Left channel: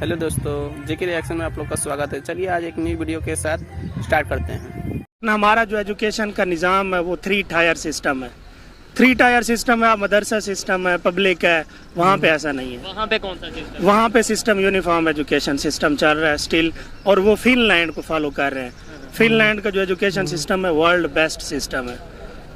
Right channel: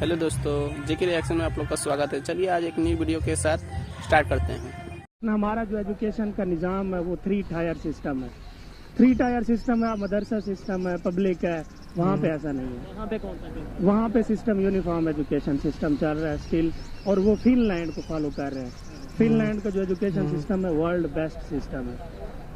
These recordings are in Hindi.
हेलो दोस्तों, जेके रिएक्शन में आप लोग का स्वागत है। चलिए आज एक नई वीडियो के साथ स्टार्ट करते हैं। हमारा जो एजुकेशन का निज़ाम है वो 3 टायर सिस्टम है। 3 टायर सिस्टम है, मदरसा सिस्टम है, पब्लिक है। वहाँ पे ऐसा नहीं है। वहाँ पे कौन सा सिस्टम? वहाँ पे सिस्टम यूनिफॉर्म एजुकेशन सिस्टम चल रहा है स्टिल, और वो फिनलैंड को फॉलो कर रहे हैं। फिनलैंड का जो एजुकेशन सिस्टम है वर्ल्ड बेस्ट सिस्टम है।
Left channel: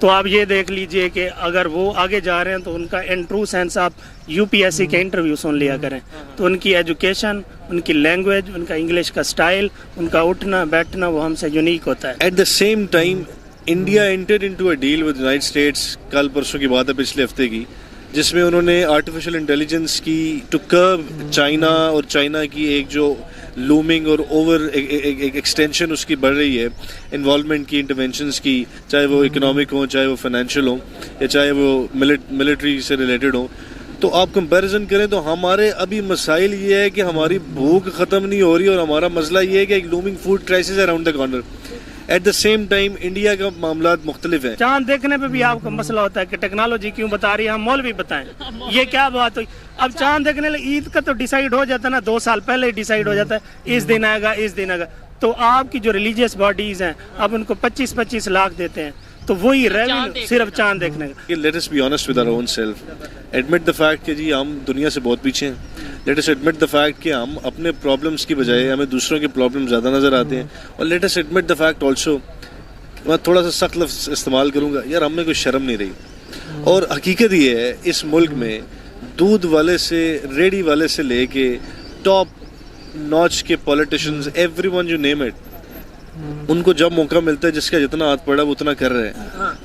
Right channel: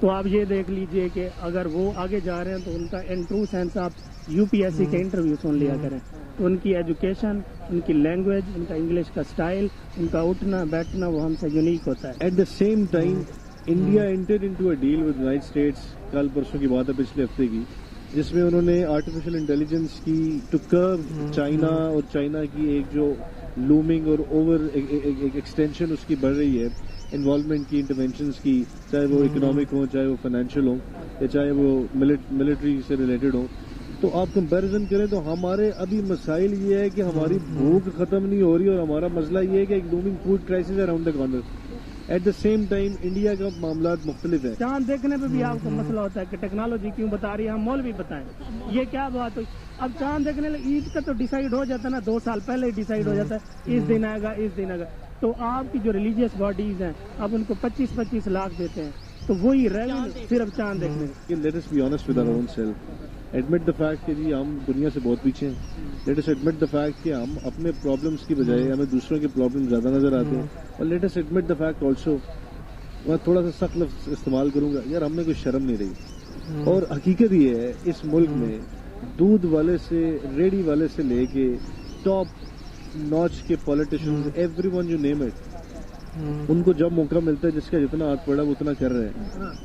तो आप ये देख लीजिए कि अगर वो आगे जा रहे हैं तो उनका इन ट्रू सेंस आप यूपीएससी के इंटरव्यू सुन लिया करें, तो उनकी एजुकेशन, उनकी लैंग्वेज, उनका इंग्लिश का स्टाइल, उनका उठना बैठना वो हमसे यूनिक होता है। At the same time India entered into a deal with United States, कल परसों की बात है, पिछले हफ्ते की, जिसमें उन्होंने आर्टिफिशियल इंटेलिजेंस की टू कर्ब चाइना और चाइना की एक जो लूमिंग और ओवर एक्सटेंशन उसकी बढ़ रही है, इन्वॉल्वमेंट की, इंटरवेंशंस की, चाहे वो इकोनॉमिक हो, चाहे वो फाइनेंशियल हो, या चाहे वो मिलिट्री से रिलेटेड हो। तो आप कंपैरिजन करें तो हमारे अभी मसाइल ये है कि हमारी भूख ख़त्म नहीं हो रही, और हमारा मसला ये है कि एक looming food crisis around the corner. Eight the same time India का मामला मुख्तलिफ है। चांद देखने पे भी आपको मसला होता है कि टेक्नोलॉजी क्यों बता रही है, हम मौलवी बताएं। ये क्या बात हुई? अब चांद देखने ईद का तो डिसाइड हो जाता है ना, 2 साल पहले ही डिसाइड हो जाता है, इस दिन आएगा, इस दिन आएगा। तो आपकी जो रिलीजियस बॉडीज हैं अब उनको 25-25 लाख देते हैं, तो वही रेवेन्यू सिर्फ चांद देखने का। Let us be honest with our own self, admit the fact कि जी हम दुनिया से बहुत पीछे हैं। Let us admit the fact कि हम अपने प्रॉब्लम्स की बजाय हमें दूसरों के प्रॉब्लम ज़्यादा नज़र आते हैं। और late us admit the fact also, मैं थोड़ा सा सख्त लफ्ज़ इस्तेमाल करूँगा, यार हमें कोई शर्म नहीं रही। और हकीकत ये है इस मुल्क में दूध वाले से रेडी वाले से लेके टॉप नॉच के politicians, everyone you name it, उनको जब मौका मिलता है जिसका जितना हाथ पड़ा वो उतना कर रहे हैं।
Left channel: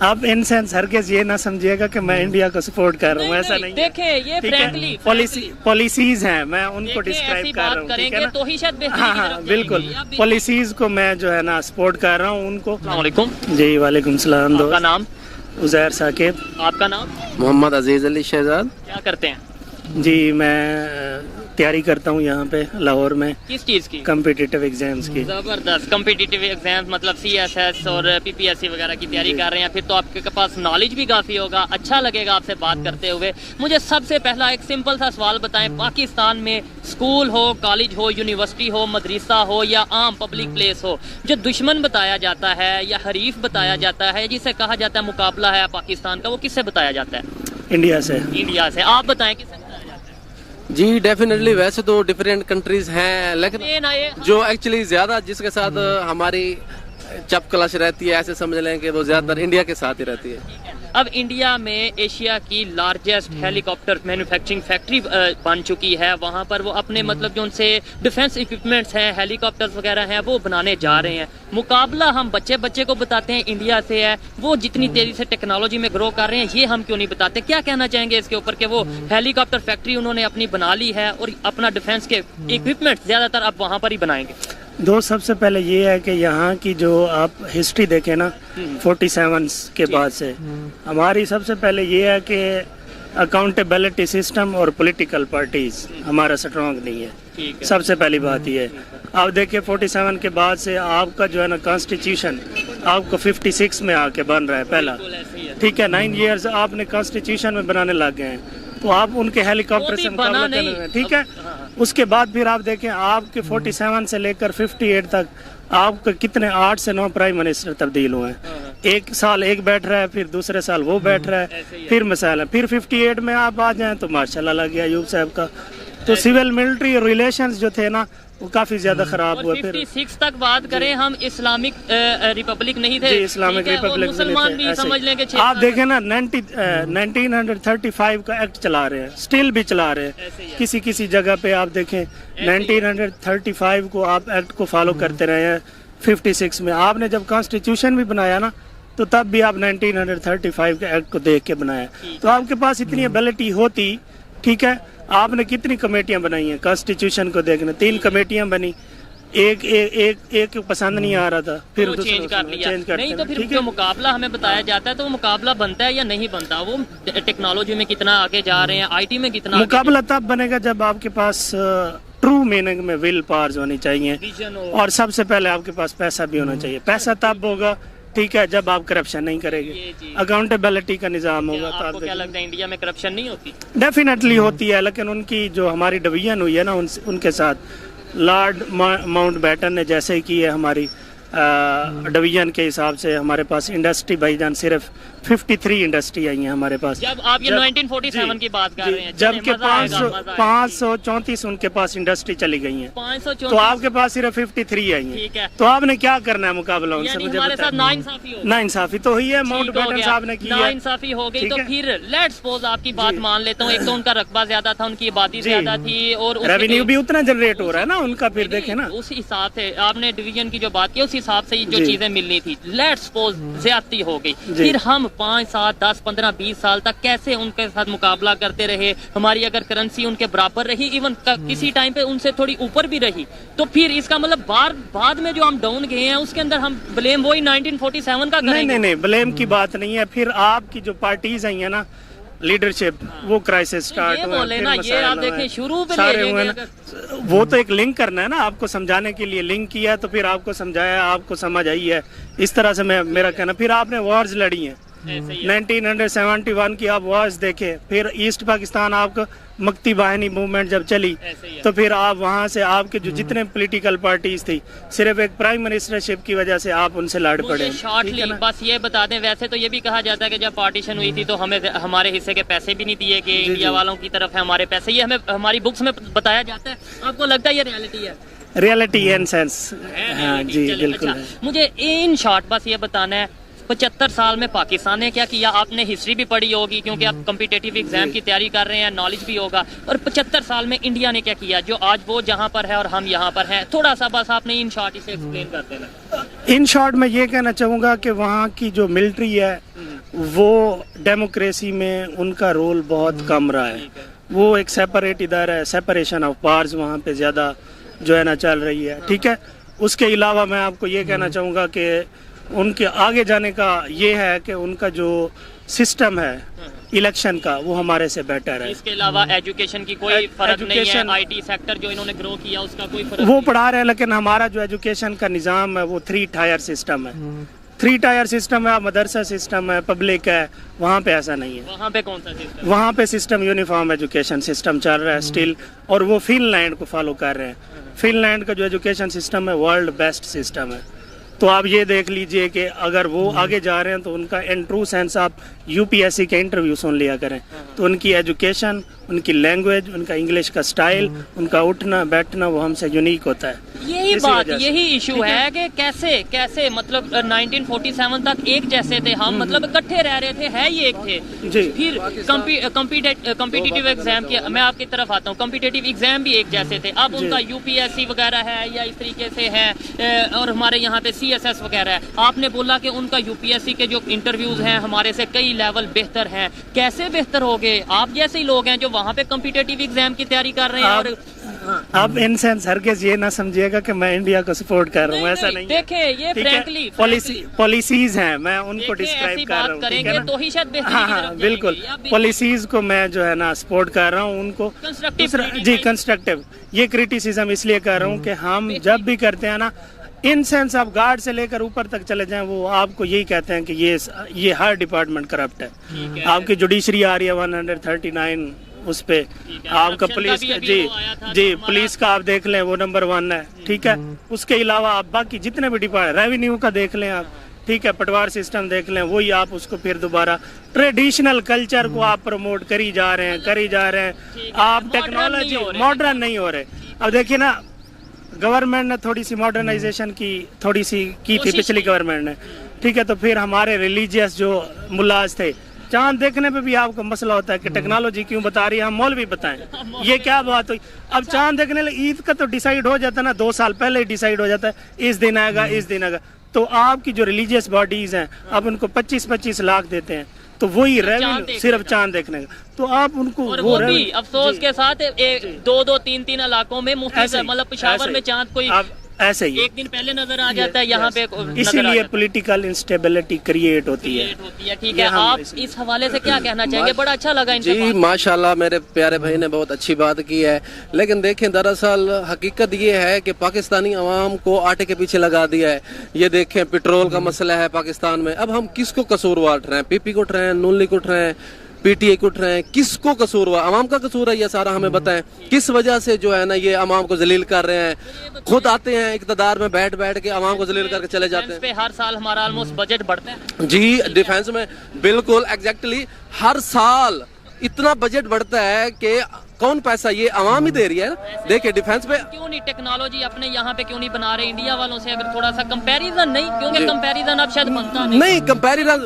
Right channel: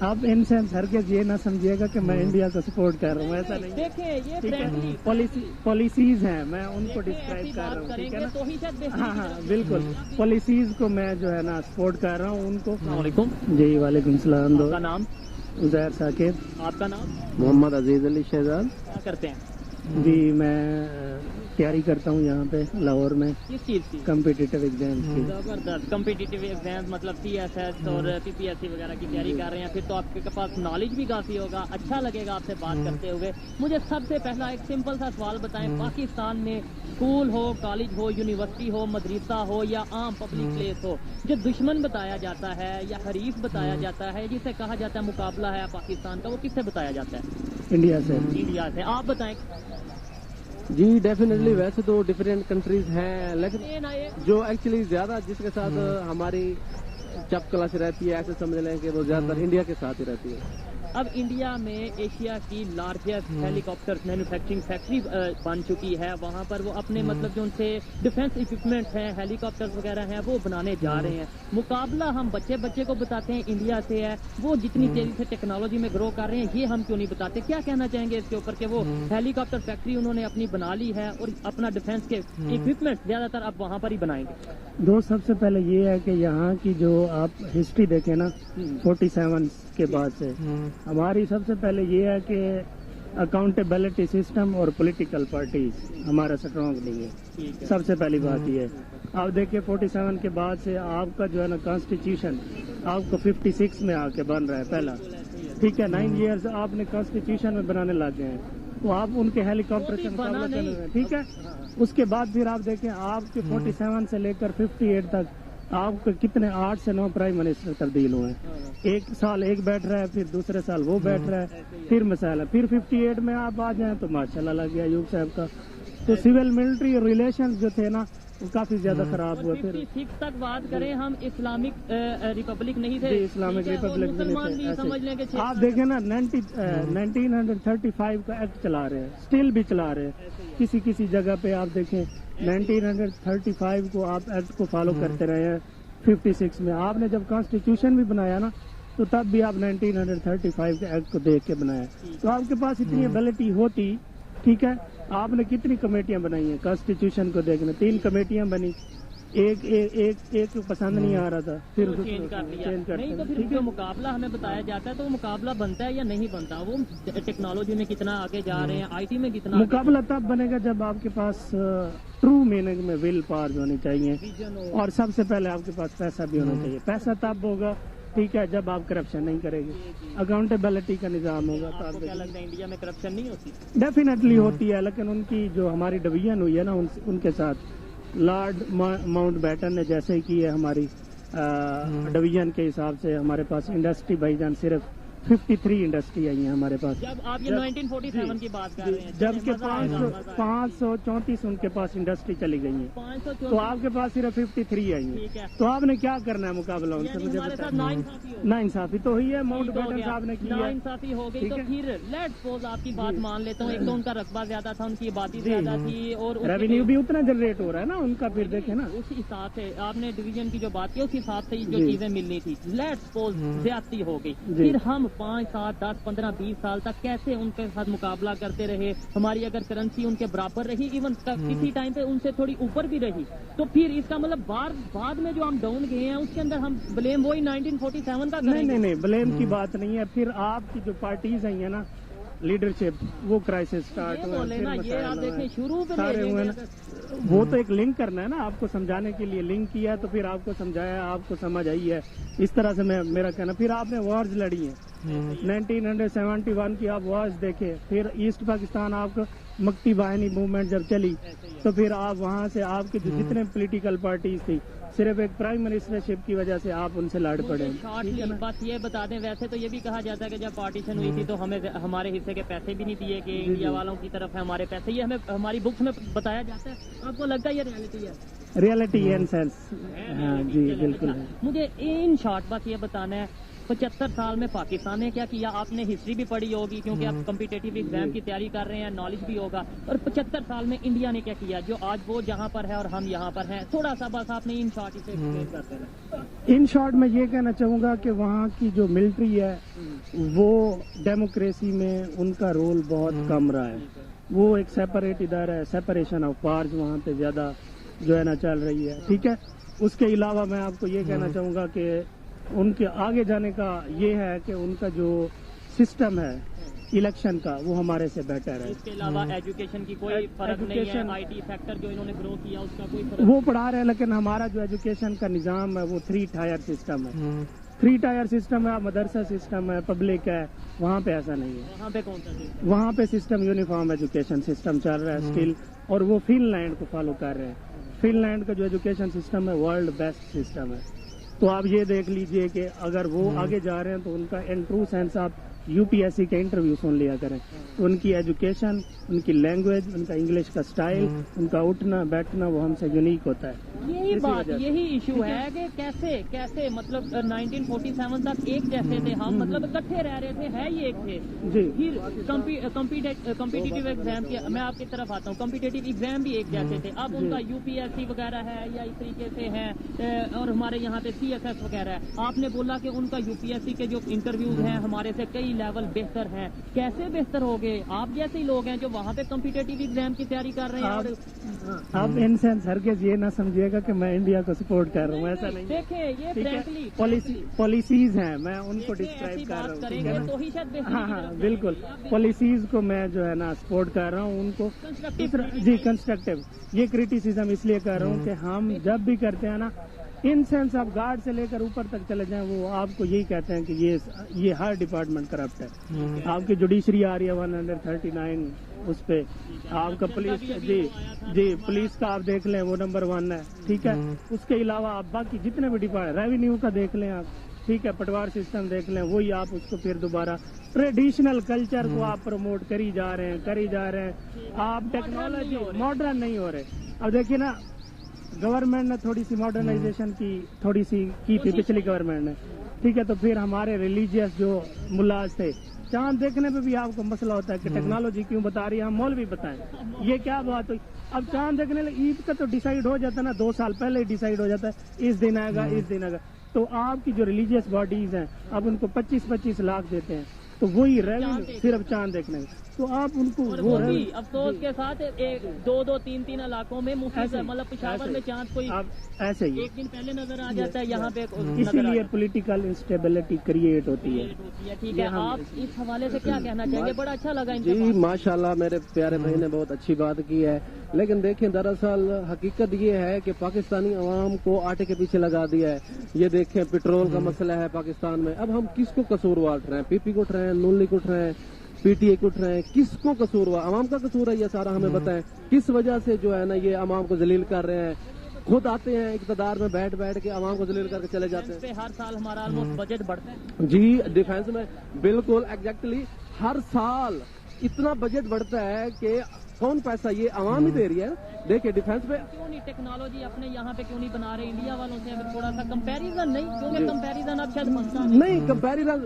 आप इन सेंस हरगिज़ ये ना समझिएगा कि मैं इंडिया को सपोर्ट कर रहा हूँ, ऐसा नहीं। देखें ये फ्रैंकली पॉलिसीज हैं, मैं उनको डिस्क्राइब कर रहा हूँ, ठीक है ना? तो ही शायद हाँ बिल्कुल, पॉलिसीज को मैं जो है ना सपोर्ट कर रहा हूँ उनको। वालेकुम जी वालेकुम सलाम। दो आपका नाम? उज़ैर साकिब। आपका नाम? मोहम्मद अजीज अली शहजाद। क्या करते हैं? जी मैं तैयारी करता हूँ यहाँ पे लाहौर में। किस चीज़ की? कम्पिटिटिव एग्जाम्स की। जबरदस्त। कम्पिटिटिव एग्जाम्स मतलब CSS और PPSC वगैरह की तैयारी कर रहे हैं, फिर तो आपके पास नॉलेज भी काफ़ी होगा। अच्छा लगेगा आपसे बात करते हुए। मुझे सबसे पहला एक सिंपल सा सवाल बताएं, पाकिस्तान में स्कूल हो, कॉलेज हो, यूनिवर्सिटी हो, मदरसा हो या आम पब्लिक प्लेस हो, जो दुश्मन बताया जाता है या हरीफ बताया जाता है, जिसे कहा जाता है मुकाबला है पाकिस्तान का, वो किससे बताया जाता है? इंडिया से। इंडिया से। आप बताएं किससे बताया जाता है? जी डेफिनेटली, वैसे तो डिफरेंट कंट्रीज हैं, लेकिन जो एक्चुअली ज़्यादा जिसके साथ हमारी चप क्लश रहती है, ऐसे समझ लें कि वो ज़्यादातर इंडिया के साथ ही रहती है। अब इंडिया में एशिया की लार्जेस्ट हेलीकॉप्टर मैन्युफैक्चरिंग फैक्ट्री बन चुकी है। वहाँ पर वो अपने मतलब जो उनसे डिफेंस इक्विपमेंट्स हैं, हेलीकॉप्टर्स वगैरह हैं, वो बनाने जा रहे हैं। मुकाबला हम बच्चे को बताते हैं इंडिया से है, वो जितनी तेज़ी से टेक्नोलॉजी में ग्रो कर रहे हैं ये हम क्यों नहीं बताते? क्या कहना चाहेंगे इसके ऊपर कि वो हेलीकॉप्टर फैक्ट्री उन्होंने अपनी बना ली है और अपना डिफेंस के इक्विपमेंट्स ज़्यादातर अब वहाँ पर ही बनाएंगे? दो सबसे पहले ये है कि यहाँ की जो आप हिस्ट्री देखें ना 47 के बाद से, हमारी सबसे पहले ये है कि अकाउंटेबिलिटी सिस्टम और पॉलिटिकल पार्टीज हमारा स्ट्रॉन्ग नहीं है। सबसे पहली बात ये है। आप देखिए 47 के बाद से आपका जो है ना कॉन्स्टिट्यूशन आपको 56 में आके बन रहा है पहला, ठीक है। 9 इयर्स आपने कॉन्स्टिट्यूशन में बनाने लग गए हैं, तो आप उनके हेलीकॉप्टर से मुकाबला कर रहे हैं, ठीक है। उसके बाद फिर आप देखें आपके 47 से लेकर 58 तक आपके कितने 8 से 9 प्राइम मिनिस्टर तब्दील हुए हैं। एक साल एक बैठ रहा है, फिर दूसरे साल वो बैठ रहा है, फिर मिसाल है। फिर 58 में आप आ जाएं तो मार्शल लग गया अयूब साहब का। तो सिविल मिलिट्री रिलेशंस जो थे ना वो काफी ज्यादा खराब हुए। फिर 56 तक बात करें हम, इस्लामिक रिपब्लिक नहीं थे, इस्लामिक रिपब्लिक मुसलमान भी समझ लें कि आप देखें ना 1935 का एक्ट चला रहे हैं, स्टिल भी चला रहे हैं। किसी किसी जगह पे आप देखें 1935 को आप एक्ट को फॉलो करते रहे हैं। 56 में आपने जब कॉन्स्टिट्यूशन भी बनाया ना तो तब भी आप 1935 के एक्ट को देख के बनाया। तो आपके पास इतनी एबिलिटी होती, ठीक है। आपने कितनी कमेटियां बनाई हैं कॉन्स्टिट्यूशन को देखने? 3 कमेटियां बनी, एक पसंद नहीं आ रहा था, फिर चेंज कर लिया। नहीं तो फिर जो मुकाबला हमें बताया जाता है तो वो मुकाबला बनता है या नहीं बनता? वो टेक्नोलॉजी में कितना आगे जा रहे हैं, IT में कितना मुकाबला तब बनेगा जब आपके पास ट्रू मीनिंग में विल पावर्स होनी चाहिए, और सबसे पहले आपके पास पैसा भी होना चाहिए। पैसा तब होगा ठीक है, जब आप करप्शन नहीं करेंगे, जी। अकाउंटेबिलिटी का निज़ाम क्या होगा, तो आपको आप क्या लगता है इंडिया में करप्शन नहीं होती? डेफिनेटली होती है, लेकिन उनकी जो हमारी डिवीजन हुई है ना उनके साथ लॉर्ड माउंटबेटन ने जैसे की है हमारी डिवीजन के हिसाब से हमारे पास इंडस्ट्री भाईजान सिर्फ 53 इंडस्ट्री आई है हमारे पास। जब आप ये 1947 की बात कर रहे हैं, जबकि मजा आएगा, मजा आएगा। 534 उनके पास इंडस्ट्री चली गई है, 534 तो आपके पास सिर्फ 53 आई ठीक है। है। तो आपने क्या करना है मुकाबला उनसे, यानी मुझे हमारे साथ बताइए। नाइंसाफी हो गई। नाइंसाफी तो हुई है, ठीक हो माउंटबेटन गया। साहब ने की है। नाइंसाफी हो गई ठीक तो है। फिर लेट्स सपोज आपकी बात मान लेता हूँ, एक तो उनका रकबा ज्यादा था, उनकी आबादी जी। ज्यादा थी, और उसके- रेवेन्यू भी उतना जनरेट हो रहा है ना उनका, फिर देखे ना। उस हिसाब से आपने डिवीजन की जो बात की उस हिसाब से जो जी। चीजें मिलनी थी, लेट्स सपोज ज्यादती हो गई, जी। फिर हम 5, 7, 10, 15, 20 साल तक कैसे उनके साथ मुकाबला करते रहे? हमारी अगर करेंसी उनके बराबर रही, इवन किसी टाइम पे उनसे थोड़ी ऊपर भी रही, तो फिर इसका मतलब बाद में जो हम डाउन गए हैं उसके अंदर हम ब्लेम वही 1947 का करेंगे। नहीं, ब्लेम की बात नहीं है। फिर आपकी जो पार्टीज आई है ना, लीडरशिप, वो क्राइसिस स्टार्ट ये हुए, बोले फिर ना, ये मसाइल आप हुए, देखें शुरू पे सारे ले हुए लेंगे ना। वो तो एक लिंक करना है ना, आपको समझाने के लिए लिंक किया, तो फिर आपको समझाया, आपको समझ आई है, इस तरह से मैं मेरा कहना। फिर आपने वॉर्स लड़ी हैं, ऐसे ही है। 1971 की आप वॉर्स देखे, फिर ईस्ट पाकिस्तान आपको मक्ती बाहिनी मूवमेंट जब चली, ऐसे ही है। तो फिर आप वहाँ से आपके जो जितने पॉलिटिकल पार्टीज थी, सिर्फ एक प्राइम मिनिस्टरशिप की वजह से आप उनसे लड़ पड़े। मुझे शॉर्टली बस ये बता दें, वैसे तो ये भी कहा जाता है कि जब पार्टीशन हुई थी तो हमें हमारे हिस्से के पैसे भी नहीं दिए कि इंडिया वालों की तरफ है हमारे पैसे, ये हमें हमारी बुक्स में बताया जाता है। आपको लगता है ये रियलिटी है? रियलिटी इन सेंस, हाँ जी चले, बिल्कुल अच्छा, है। मुझे इन शॉर्ट बस ये बताना है, 75 साल में पाकिस्तान ने क्या किया? आपने हिस्ट्री भी पढ़ी होगी क्योंकि आप कम्पिटेटिव एग्जाम की तैयारी कर रहे हैं, नॉलेज भी होगा। और 75 साल में इंडिया ने क्या किया जो आज वो जहाँ पर है और हम यहाँ पर हैं? थोड़ा सा बस आपने इन शॉर्ट इसे एक्सप्लेन कर देना। इन शॉर्ट मैं ये कहना चाहूँगा कि वहाँ की जो मिलिट्री है वो डेमोक्रेसी में उनका रोल बहुत कम रहा है। वो एक सेपरेट इदारा है, सेपरेशन ऑफ पावर्स वहाँ पे ज़्यादा जो है ना चल रही है, ठीक है। उसके अलावा मैं आपको ये कहना चाहूँगा कि उनके आगे जाने का ये है कि उनका जो सिस्टम है इलेक्शन का, वो हमारे से बेटर है। इसके अलावा एजुकेशन की कोई फर्क नहीं है? एजुकेशन- आईटी सेक्टर जो इन्होंने ग्रो किया उसका कोई फर्क वो नहीं? पढ़ा रहे हैं, लेकिन हमारा जो एजुकेशन का निज़ाम है वो 3 टायर सिस्टम है। 3 टायर सिस्टम है, मदरसा सिस्टम है, पब्लिक है, वहाँ पे ऐसा नहीं है। वहाँ पे कौन सा सिस्टम? वहाँ पे सिस्टम यूनिफॉर्म एजुकेशन सिस्टम चल रहा है स्टिल, और वो फिनलैंड को फॉलो कर रहे हैं। फिनलैंड का जो एजुकेशन सिस्टम है वर्ल्ड बेस्ट सिस्टम है। तो आप ये देख लीजिए कि अगर वो आगे जा रहे हैं तो उनका इन ट्रू सेंस आप यूपीएससी के इंटरव्यू सुन लिया करें, तो उनकी एजुकेशन, उनकी लैंग्वेज, उनका इंग्लिश का स्टाइल, उनका उठना बैठना वो हमसे यूनिक होता है। यही इसी बात, वजह से। यही इशू है कि कैसे मतलब 1947 तक एक जैसे थे हम, मतलब इकट्ठे रह रहे थे, है ये एक थे। जी। फिर कम्पिटिटिव एग्जाम की मैं आपकी तरफ आता हूँ, कम्पिटिटिव एग्जाम भी एक जैसे थे। अब उनका यूपीएससी वगैरह है या इस तरीके से है, और हमारे यहाँ पे सीएसएस वगैरह है। आपने बोला कि उनका यूपीएससी के जो इंटरव्यूज हैं हमारे से कई लेवल बेहतर हैं। कैसे बेहतर हो गए? आप जैसे ही लोग हैं जो वहाँ पे कम्पिटिटिव एग्जाम की तैयारी कर रहे हैं। और आप इन सेंस हरगिज़ ये ना समझिएगा कि मैं इंडिया को सपोर्ट कर रहा हूँ, ऐसा नहीं है। देखें ये ठीक है? फ्रैंकली पॉलिसीज हैं, मैं उनको डिस्क्राइब कर रहा हूँ, ठीक करेंगे है ना? तो ही शायद बेहतरी हाँ की हाँ तरफ बिल्कुल, जाएंगे। या बिल्कुल पॉलिसीज को मैं जो है ना सपोर्ट कर रहा हूँ उनको। Constructive जी कंस्ट्रक्टिव, ये क्रिटिसिज्म इसलिए कर रहा हूँ कि हम जब भी करते हैं ना, इन सेंस आप गार्ड से लेकर ऊपर तक चले जाएं, वो आपको यही कहते हैं कि ये हर डिपार्टमेंट करप्ट है। आपकी जुडिशरी आ रही है 139 उस पे, आपका Corruption पुलिस का भी अभी जी वो आया था जी तो पुलिस का आप देख लें वो नंबर 1 है, ठीक है। उसके अलावा आप बाकी जितने भी डिपार्टमेंट, रेवेन्यू का देख लें आप, ठीक है, पटवार सिस्टम देख लें, वही आप उसको फिर दोबारा ट्रेडिशनल कल्चर को आप प्रमोट करी जा रहे हैं। आप टेक्नोलॉजी मॉडर्न नहीं हो रहे। अब देखिए ना, गवर्नमेंट ने थोड़ी सी मॉडर्नाइजेशन की थी पिछली गवर्नमेंट ने, ठीक है। तो फिर हमारे रिलीजियस जो मुल्लाज थे, चांद देखने पे भी आपको मसला होता है कि टेक्नोलॉजी क्यों बता रही है, हम मौलवी बताएं, ये क्या बात हुई। अब चांद देखने लगे, ईद का तो डिसाइड हो जाता है ना, 2 साल पहले ही डिसाइड हो जाता है, इस दिन आएगा इस दिन आएगा। तो आपकी जो रिलीजियस बॉडीज हैं, अब उनको 25-25 लाख देते हैं, तो वही रेवेन्यू सिर्फ चांद देखने का। तो आप उनको और वो भी अफसोस के साथ 2-2, 3-3 इलाकों में मुफ्त, मतलब पेशावर में चांद कोई ऐसे ही एक दिन पहले नजर आ जाता है यहाँ पे नजर आ इसीलिए जाता है। पॉलिटिकल इंस्टेबिलिटी क्रिएट होती है। लेट होती है, ठीक है। ये हम आप इस हवाले से क्या कहना चाहेंगे? बड़ा अच्छा लगा इनसे जी बात माशाल्लाह मेरे प्यारे भाई ने बहुत अच्छी बात की है, लेकिन देखें दरअसल हकीकत ये है कि पाकिस्तानी अवाम को आटे के पीछे लगा दिया है। ये देखें पेट्रोल का मसला है पाकिस्तान में, अब हम किसको कसूरवार ठहराएं? पीपी को ठहराएं, नून लीग को ठहराएं, पीटीआई को ठहराएं, किसको कसूर हुआ? अवाम का कसूर है ये सारा, हमें बताएं किस वजह से जो है ना ये अवाम को जलील कर रहे हैं। खुद आते हैं इक़्तिदार में बैठ बैठ के अवाम को जलील करके चले जाते हैं। पे हर साल हमारा ऑलमोस्ट बजट बढ़ता है जी डिफेंस में बिल्कुल एग्जैक्टली हर साल इतना बजट बढ़ता है कि कौन पैसा ये अवाम ही दे रही है। देखिए डिफेंस पे क्यों नहीं टेक्नोलॉजी अपने यहाँ पे क्यों नहीं बना रहे इंडिया वालों से? अगर थोड़ा सा कंपैरिजन नहीं, क्योंकि कंपैरिजन अब शायद बनता नहीं कंपैरिजन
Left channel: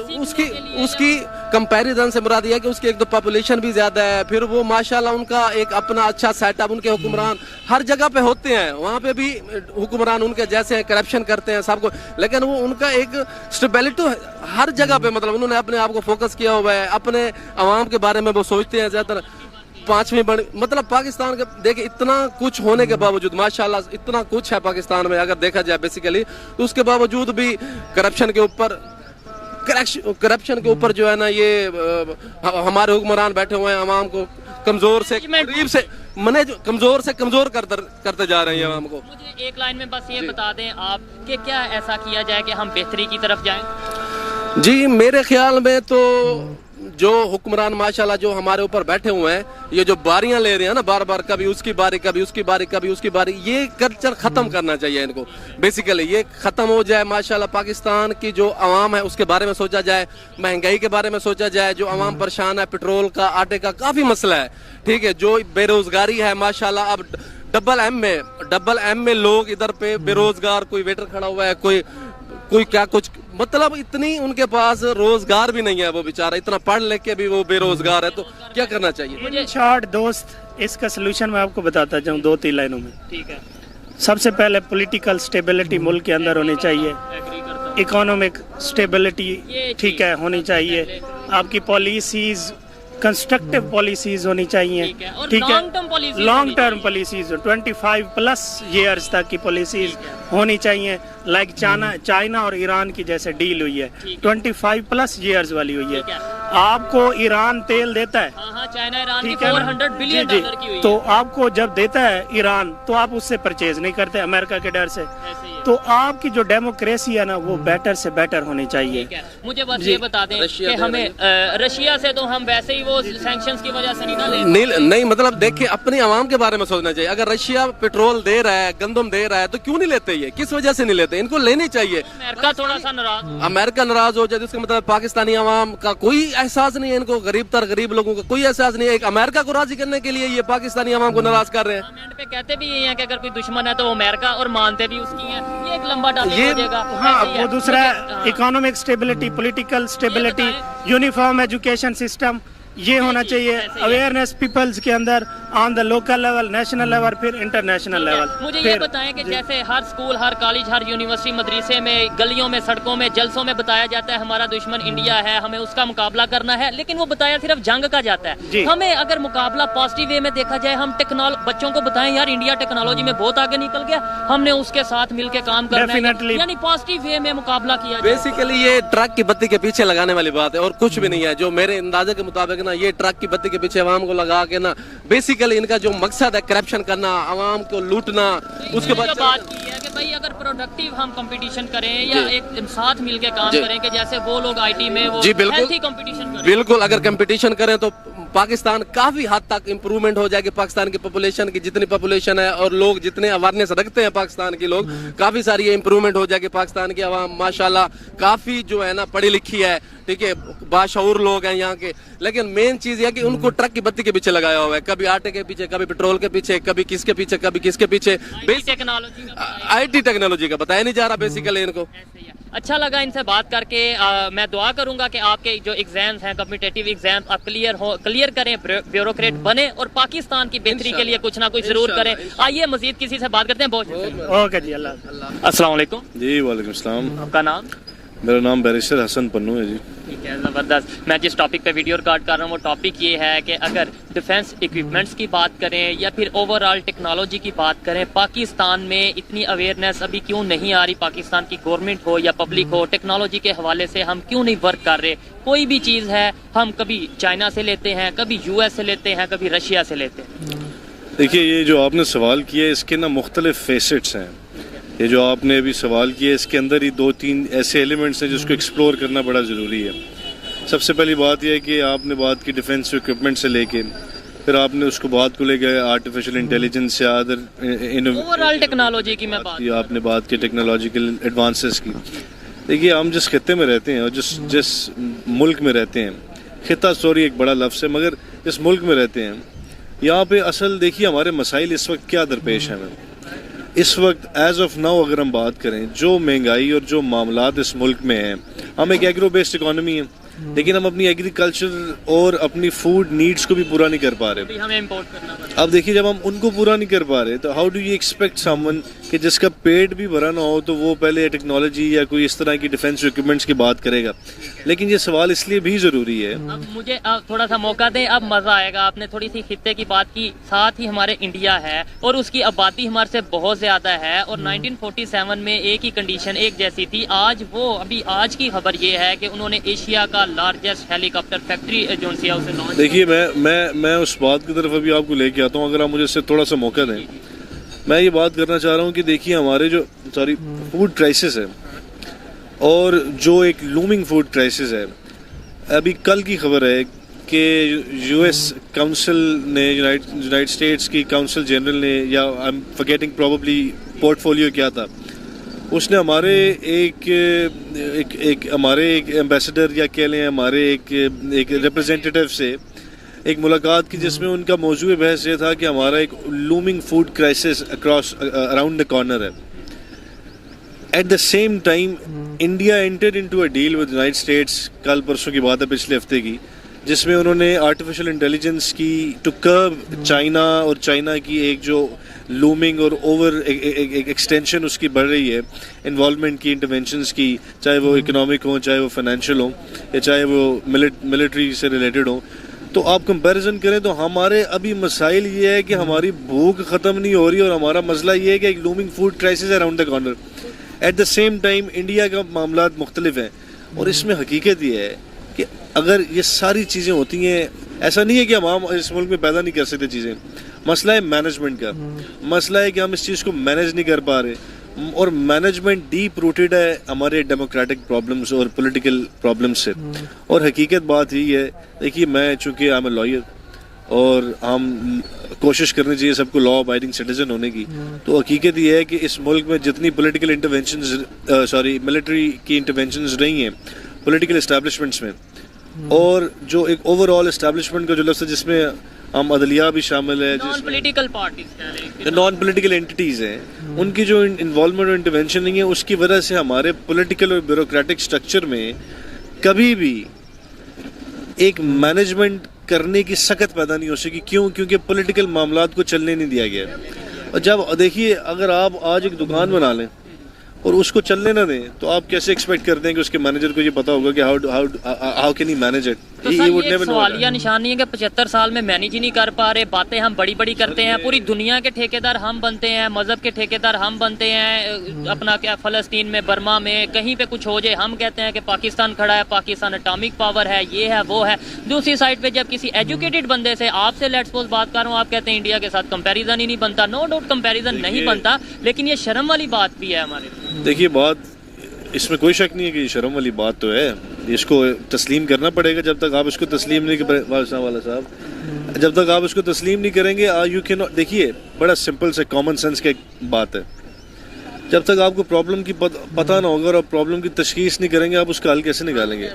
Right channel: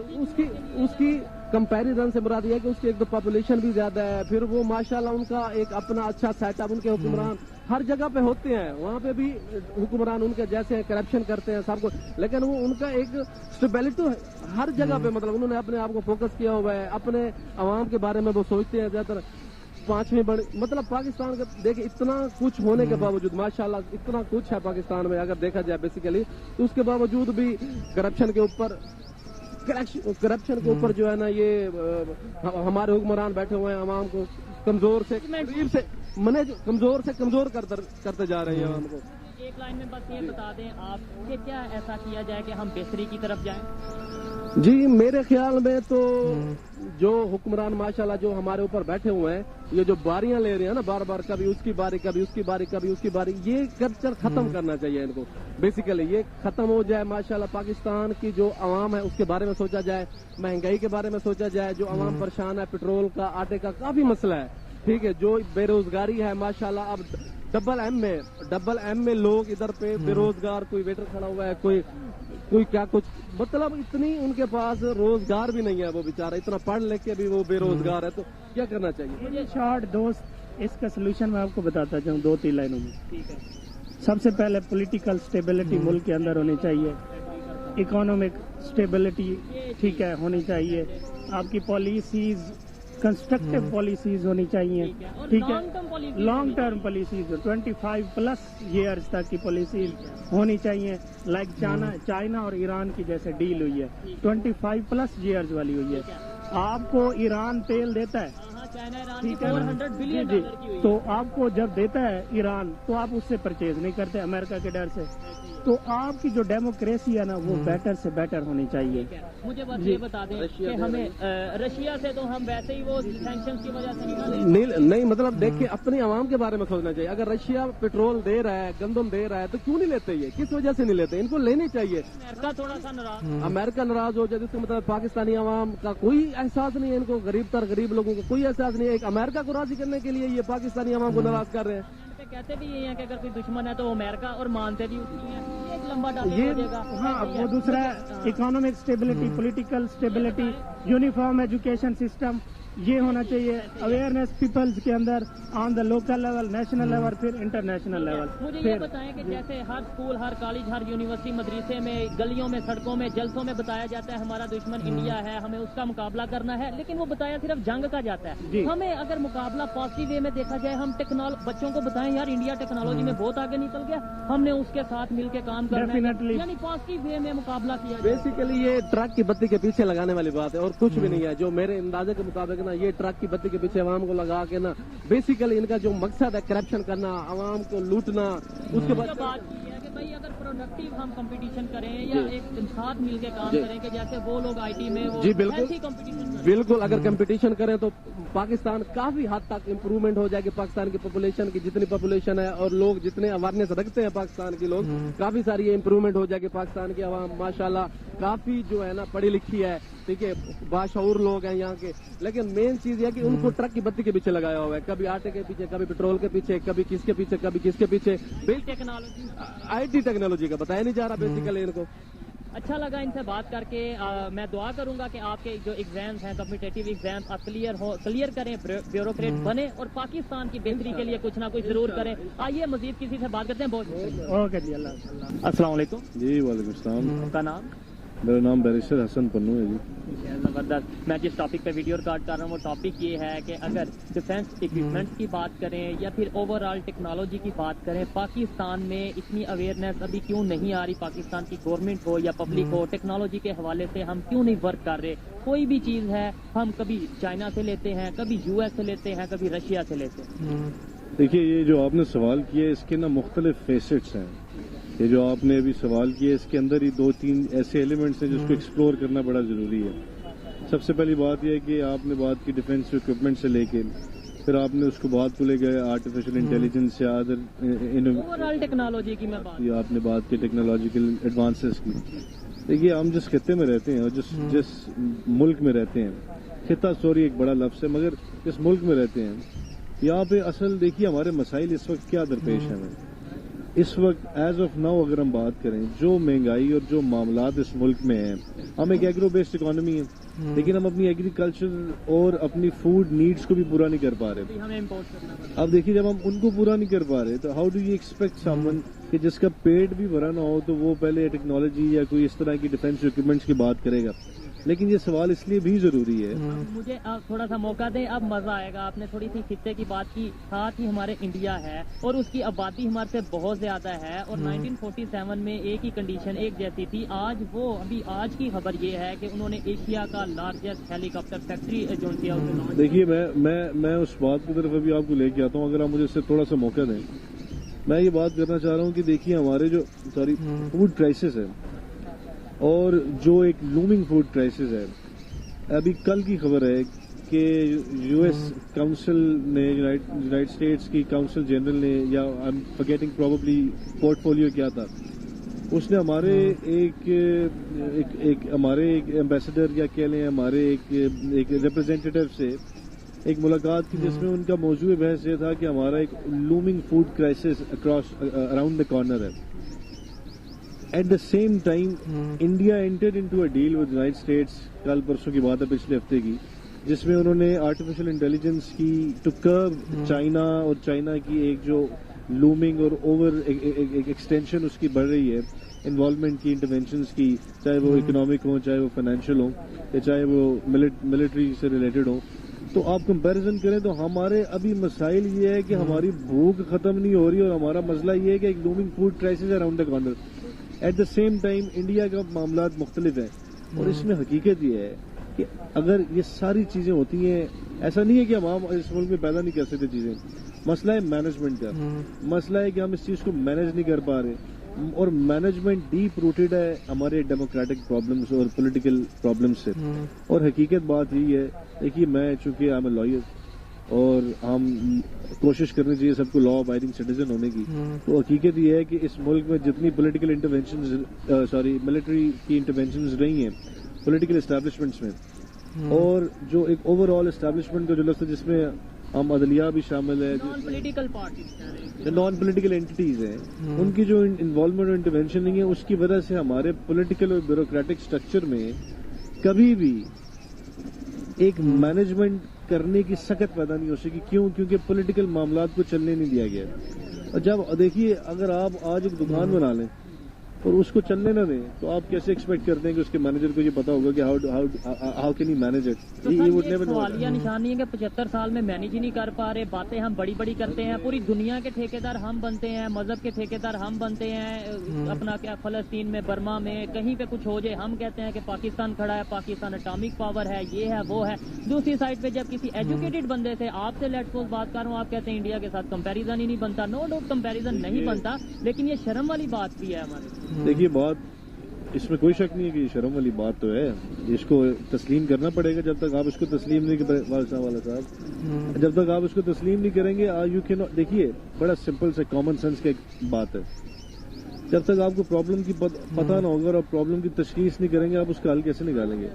उसकी कंपैरिजन से मुराद ये है कि उसकी एक तो पॉपुलेशन भी ज्यादा है, फिर वो माशाल्लाह उनका एक अपना अच्छा सेटअप, उनके हुक्मरान हर जगह पे होते हैं, वहाँ पे भी हुक्मरान उनके जैसे हैं, करप्शन करते हैं सबको, लेकिन वो उनका एक स्टेबिलिटी हर जगह पे, मतलब उन्होंने अपने आप को फोकस किया हुआ है, अपने अवाम के बारे में वो सोचते हैं ज्यादातर। पांचवीं बड़ी मतलब पाकिस्तान के देखिए इतना कुछ होने के बावजूद माशाल्लाह इतना कुछ है पाकिस्तान में अगर देखा जाए बेसिकली, तो उसके बावजूद भी करप्शन के ऊपर जो है ना ये हमारे हुक्मरान बैठे हुए हैं, अवाम को कमजोर से गरीब से मने जो कमजोर से कमजोर करते जा रहे हैं अवाम को। मुझे एक लाइन में बस ये बता दें आप कि क्या ऐसा किया जाए कि हम बेहतरी की तरफ जाएं? जी मेरे ख्याल में तो जो हुक्मरान माशाल्लाह जो हमारे ऊपर बैठे हुए हैं, ये जो बारियां ले रहे हैं ना बार बार, कभी उसकी बारी कभी उसकी बारी कभी उसकी बारी, ये कल्चर खत्म करना चाहिए इनको। बेसिकली ये खत्म हो जाए, माशाल्लाह पाकिस्तान की जो अवाम है उसके बारे में सोचा जाए, महंगाई के बारे में सोचा जाए, जो अवाम परेशान है, पेट्रोल का आटे का काफी मसला है, ठीक है, जो बेरोजगारी है माशाल्लाह अब डबल एम में लोग इधर पे बेरोजगार, कोई वेटर खड़ा हुआ है, कोई क्या कुछ, मतलब इतनी उनके पास रोजगार भी नहीं है, वो बेचारा इतना पढ़ लिख के भी वो बेरोजगार है, तो क्या करना चाहिए? शॉर्ट दोस्त इसका सोल्यूशन मैं आपको बताता जाऊँ 2-3 लाइनों में। ठीक है, सबसे पहले पॉलिटिकल स्टेबिलिटी मुल्क के अंदर होनी चाहिए, इकोनॉमिक स्टेबिलिटी ठीक है होनी चाहिए, आपकी पॉलिसीज कंस्ट्रक्टिव पॉलिसीज होनी चाहिए, ठीक है, लॉन्ग टर्म पॉलिसीज 25+ ईयर्स तक की पॉलिसीज होनी चाहिए, लाइक चाइना और ईरान की जैसे डील हुई है 25+ ईयर्स वाली हुई है। आपको ईरान तेल देता है, चाइना ईरान की ठीक है 400 बिलियन डॉलर की हुई है, तो आपको जब देता है ईरान तो आप उससे परचेज नहीं करते अमेरिका के डर से, तो आपकी जो डेमोक्रेसी है ना वो बेटर से बेटर होनी चाहिए। मुझे बस ये बता दें कि हमें रशिया से तो हम वैसे ही वो सैंक्शंस की वजह से नहीं मतलब देखिए अपने अवाम के बारे में सोचना चाहिए। अगर रशिया पेट्रोल दे रहा है, गंदम दे रहा है, तो क्यों नहीं लेते? ये किस वजह से नहीं लेते? इनको लेनी चाहिए। अमेरिका थोड़ा सा नाराज, अमेरिका नाराज हो जाए तो इसका मतलब पाकिस्तानी अवाम का कोई एहसास नहीं है, इनको गरीब लोगों का कोई एहसास नहीं है। एक अमेरिका को राजी करने के लिए ये पाकिस्तानी अवाम को नाराज कर रहे हैं। पे कहते भी ये हैं कि अगर कोई दुश्मन है तो वो अमेरिका, और मानते भी उसकी है। ये एक लंबा टॉपिक हो जाएगा। हाँ, वो दूसरा economic stability, political stability, uniform education system, ये होना चाहिए, अवेयरनेस पीपल्स के अंदर on the local level, national level, फिर इंटरनेशनल लेवल। मुझे ये बताएं कि जैसे हर स्कूल, हर कॉलेज, हर यूनिवर्सिटी, मदरसे में, गलियों में, सड़कों में, जलसों में बताया जाता है हमारा दुश्मन इंडिया है, हमें उसका मुकाबला करना है, लेकिन वो बताया सिर्फ जंग का जाता है। हमें अगर मुकाबला पॉजिटिव वे में देखा जाए, हम बच्चों को बताएं यार इंडिया टेक्नोलॉजी में बहुत आगे निकल गया, हमने उसके साथ मिलकर काम करना है, यानी पॉजिटिव वे में मुकाबला किया जाए। बेसिकली ये ट्रक की बत्ती के पीछे लगाने वाली बात है और कुछ भी नहीं है। जो मेरे अंदाजे के मुताबिक ना ये ट्रक की बत्ती के पीछे अवाम को लगा के ना, बेसिकली इनका जो मकसद है करप्शन करना, अवाम को लूटना। उसके बाद बात की है कि भाई अगर प्रोडक्टिव हम कंपटीशन करें या एक साथ मिलके काम करें, कि जैसे वो लोग आईटी में वो हेल्थी कंपटीशन करें। बिल्कुल, अगर कंपटीशन करें तो पाकिस्तान काफी हद तक इम्प्रूवमेंट हो जाएगी। पाकिस्तान की पॉपुलेशन की जितनी पॉपुलेशन है और लोग जितने अवेयरनेस रखते हैं पाकिस्तान के लोग, काफी सारी इम्प्रूवमेंट हो जाएगी। पाकिस्तान की आवाम माशाल्लाह काफी जो है ना पढ़ी लिखी है, ठीक है, बाशऊर लोग हैं यहाँ के, लेकिन मेन चीज यह कि उनको ट्रक की बत्ती के पीछे लगाया हुआ है, कभी आटे के पीछे, कभी पेट्रोल के पीछे, कभी किसके पीछे, कभी किसके पीछे। आईटी टेक्नोलॉजी का बताया नहीं जा रहा बेसिकली इनको। अच्छा लगा इनसे बात करके। मैं दुआ करूंगा कि आपके जो एग्जाम्स हैं, कॉम्पिटिटिव एग्जाम्स, आप क्लियर करें, ब्यूरोक्रेट बने और पाकिस्तान की बेहतरी के लिए कुछ ना कुछ जरूर करें। आइए मजीद किसी से बात करते हैं। बहुत ओके जी, अल्लाह। अस्सलाम वालेकुम। जी वालेकुम सलाम। आपका नाम? मेरा नाम बैरिस्टर हसन पन्नू है जी। ठीक है, ज़बरदस्त। मैं जिस टॉपिक पे वीडियो रिकॉर्ड कर रहा हूँ वो टॉपिक ये है कि अगर डिफेंस इक्विपमेंट्स की बात करें या फिर ओवरऑल टेक्नोलॉजी की बात करें, पाकिस्तान में इतनी अवेयरनेस अभी क्यों नहीं आ रही? पाकिस्तान की गवर्नमेंट हो या पब्लिक हो, टेक्नोलॉजी के हवाले से हम क्यों नहीं वर्क कर रहे? कोई भी चीज़ है हम कभी चाइना से लेते हैं, कभी US से लेते हैं, कभी रशिया से लेते हैं। देखिए, ये जो आपने सवाल किया है इसके ना मुख्तलिफ फेसेट्स हैं। ये जो आपने अभी सवाल किया इसके अंदर ही 2-3 ऐसे एलिमेंट्स हैं जिसको एक्सप्लोर करना बड़ा ज़रूरी है। सबसे पहली बात यह है कि आपने बात की डिफेंस इक्विपमेंट से लेके, फिर आपने उसको बात को लेकर आर्टिफिशियल इंटेलिजेंस या अदर ओवरऑल टेक्नोलॉजी की मैं बात, आपने बात की टेक्नोलॉजिकल एडवांसेस की। देखिए, हम जिस खत्ते में रहते हैं और जिस मुल्क में रहते हैं, खिता सॉरी एक बड़ा लफ्ज़ है, मगर जिस मुल्क में रहते हैं यहाँ पे असल देखिए हमारे मसाइल इस वक्त क्या दरपेश हैं। इस वक्त एज ऑफ नाउ अगर हम बात करें, जो महंगाई और जो मामलात इस मुल्क में हैं, हम एक एग्रो बेस्ड इकोनॉमी है, लेकिन हम अपनी एग्रीकल्चर और अपनी फूड नीड्स को भी पूरा नहीं कर पा रहे। हमें इंपोर्ट करना पड़ता है। अब देखिए, जब हम उनको पूरा नहीं कर पा रहे तो how do you expect someone कि जिसका पेट भी भरा ना हो तो वो पहले टेक्नोलॉजी या कोई इस तरह की डिफेंस इक्विपमेंट्स की बात करेगा। लेकिन ये सवाल इसलिए भी ज़रूरी है। अब मुझे थोड़ा सा मौका दें, अब मज़ा आएगा। आपने थोड़ी सी खित्ते की बात की, साथ ही हमारे इंडिया है और उसकी आबादी हमारे से बहुत ज़्यादा है और 1947 में एक ही कंडीशन एक जैसी थी। आज वो अभी आज की खबर ये है कि उन्होंने एशिया का लार्जेस्ट हेलीकॉप्टर फैक्ट्री जो उसे लॉन्च। देखिए, मैं उस बात की तरफ अभी आपको लेके आता हूँ, अगर आप मुझे इससे थोड़ा सा मौका दें। मैं ये बात करना चाह रहा हूँ कि देखिए, हमारे जो फूड क्राइसिस है और जो एक लूमिंग फूड क्राइसिस है, अभी कल की खबर है कि US काउंसिल ने, यूनाइटेड स्टेट्स की काउंसिल जनरल ने, या I am forgetting probably portfolio क्या था, उसने हमारे एक एम्बेसडर या कह लें हमारे एक रिप्रेजेंटेटिव से एक मुलाकात की, जिसमें उनका मौजूद बहस ये था कि हमारा एक looming food crisis across around the corner है। At the same time India entered into a deal with United States, कल परसों की बात है, पिछले हफ्ते की, जिसमें उन्होंने आर्टिफिशियल इंटेलिजेंस की टू कर्ब चाइना और चाइना की एक जो लूमिंग और ओवर एक एक्सटेंशन उसकी बढ़ रही है, इन्वॉल्वमेंट की, इंटरवेंशंस की, चाहे वो इकोनॉमिक हो, चाहे वो फाइनेंशियल हो, या चाहे वो मिलिट्री से रिलेटेड हो। तो आप कंपैरिजन करें तो हमारे अभी मसाइल ये है कि हमारी भूख ख़त्म नहीं हो रही और हमारा मसला ये है कि एक looming food crisis around the corner. Eight the same time India का मामला मुख्तलिफ हैं और इसमें हकीकत ये है कि अगर ये सारी चीज़ें होती हैं, ऐसा नहीं है कि हम इस मुल्क में पैदा नहीं कर सकते चीज़ें। मसला है मैनेजमेंट का, मसला है कि हम इस चीज़ को मैनेज नहीं कर पा रहे, और मैनेजमेंट डीप रूटेड है हमारे डेमोक्रेटिक प्रॉब्लम्स और पॉलिटिकल प्रॉब्लम्स से। और हकीकत बात यही है, देखिए, मैं चूँकि आई एम ए लॉयर और हम कोशिश करनी चाहिए सबको लॉ अबाइडिंग सिटीजन होने की, तो हकीकत ये है कि इस मुल्क में जितनी पॉलिटिकल इंटरवेंशंस मिलिट्री की इंटरवेंशंस रही हैं पॉलिटिकल एस्टैब्लिशमेंट्स में, और जो एक ओवरऑल एस्टैब्लिशमेंट का जो लफ्ज़ है जिसमें हम अदलिया भी शामिल है, non political parties, non political entities हैं, उनकी जो इन्वॉल्वमेंट और इंटरवेंशन नहीं है, उसकी वजह से हमारे पॉलिटिकल और ब्यूरोक्रेटिक स्ट्रक्चर में कभी भी एक मैनेजमेंट करने की सकत पैदा नहीं हो सकी। क्यों? क्योंकि पॉलिटिकल मामलात को चलने नहीं दिया गया। और जब देखिए, अगर आप आज एक दुकान बना लें और उसको चलने ना दें, तो आप कैसे एक्सपेक्ट करते हैं कि उसके मैनेजर को ये पता होगा कि how can he manage it? तो सर, ये सवालिया निशानी है कि 75 साल में मैनेज ही नहीं कर पा रहे। बातें हम बड़ी बड़ी करते हैं, पूरी दुनिया के ठेकेदार हम बनते हैं, मजहब के ठेकेदार हम बनते हैं, अपना क्या फ़लस्तीन में, बर्मा में कहीं पे कुछ हो जाए हम कहते हैं कि पाकिस्तान खड़ा है, पाकिस्तान एटॉमिक पावर है, ये है वो है। दूसरी साइड पे जब किसी एजुकेटेड बंदे से, आपसे लेट्स सपोज बात कर रहा हूँ, आप कहते हैं इंडिया के साथ कंपैरिजन ही नहीं बनता। नो डाउट कंपैरिजन नहीं बनता, लेकिन ये शर्म वाली बात भी है हमारे। देखिए, बात इसमें कोई शक नहीं है कि ये शर्म वाली बात तो है, इसको तस्लीम करना पड़ेगा। जब तक आप इसको तस्लीम नहीं वाला साहब, जब तक आप इसको तस्लीम नहीं करेंगे, यू कैन, देखिए, बड़ा सिंपल से कॉमन सेंस की बात है, जब तक आपको प्रॉब्लम की पता ना होगा और आप प्रॉब्लम की तशखीस नहीं करेंगे, आप उसका हल कैसे निकालेंगे?